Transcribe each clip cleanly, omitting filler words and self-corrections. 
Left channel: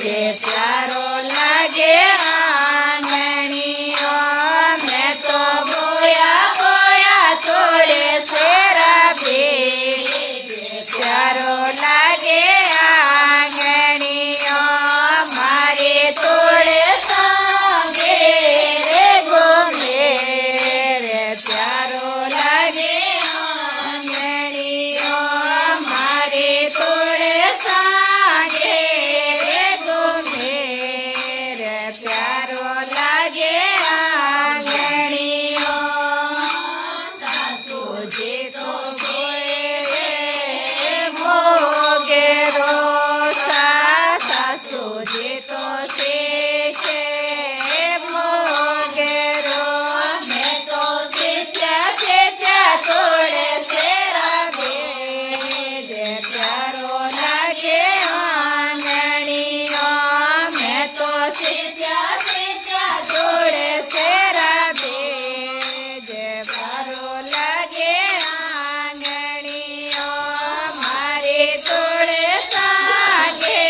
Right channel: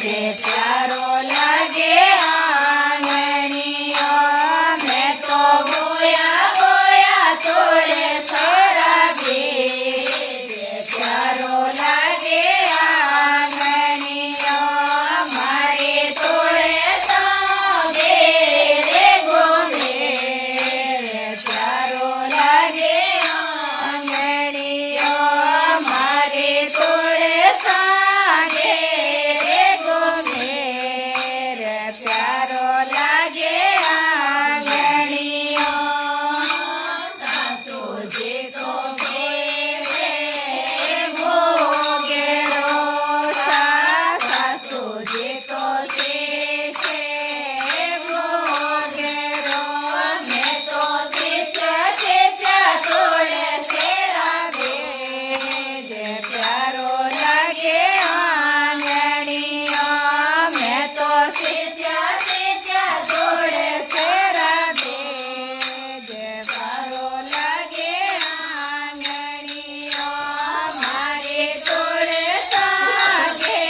જે પ્યારો લાગે આંગણીઓ મેં તો બોયા બોયા તોડે શેરા બે જે પ્યારો લાગે આંગણીઓ મારે તોડે સાગે રે ગોમે રે પ્યારો લાગે આંગણીઓ મારે તોડે સાગે રે ગોમે રે પ્યારો લાગે આંગણીઓ સાસુ જે તો ભોગેરો સાસુ જે તો છે ભોગેરો મેં તો ત્યાં તોડે શેરા બે જે પ્યારો લાગે આંગણીઓ મેં તો ત્યાં તોડે શેરા બે જે પ્યારો લાગે આંગણીઓ મારે તોડે સાગે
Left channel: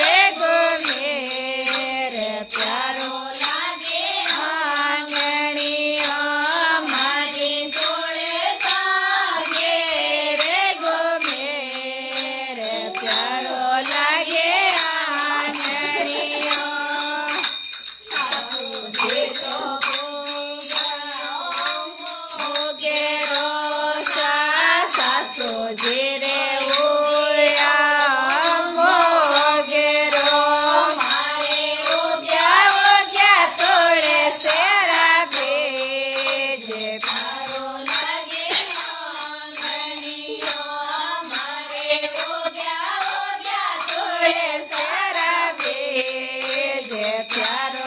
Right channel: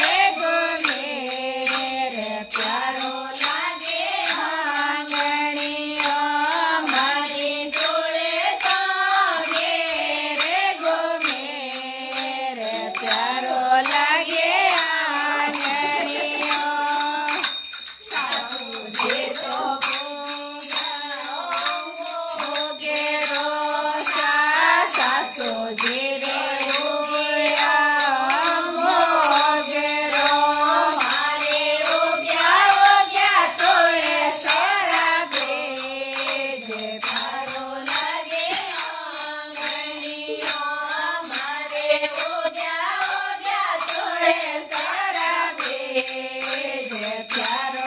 રે ગોમે રે પ્યારો લાગે આંગણીઓ મારે તોડે સાગે રે ગોમે રે પ્યારો લાગે આંગણીઓ જે તો ભોગેરો સાસુ જે રે ઓયા ભોગેરો મારે ઓગ્યા તોડે શેરા બે જે પ્યારો લાગે આંગણીઓ મારે ઓગ્યા તોડે શેરા બે જે પ્યારો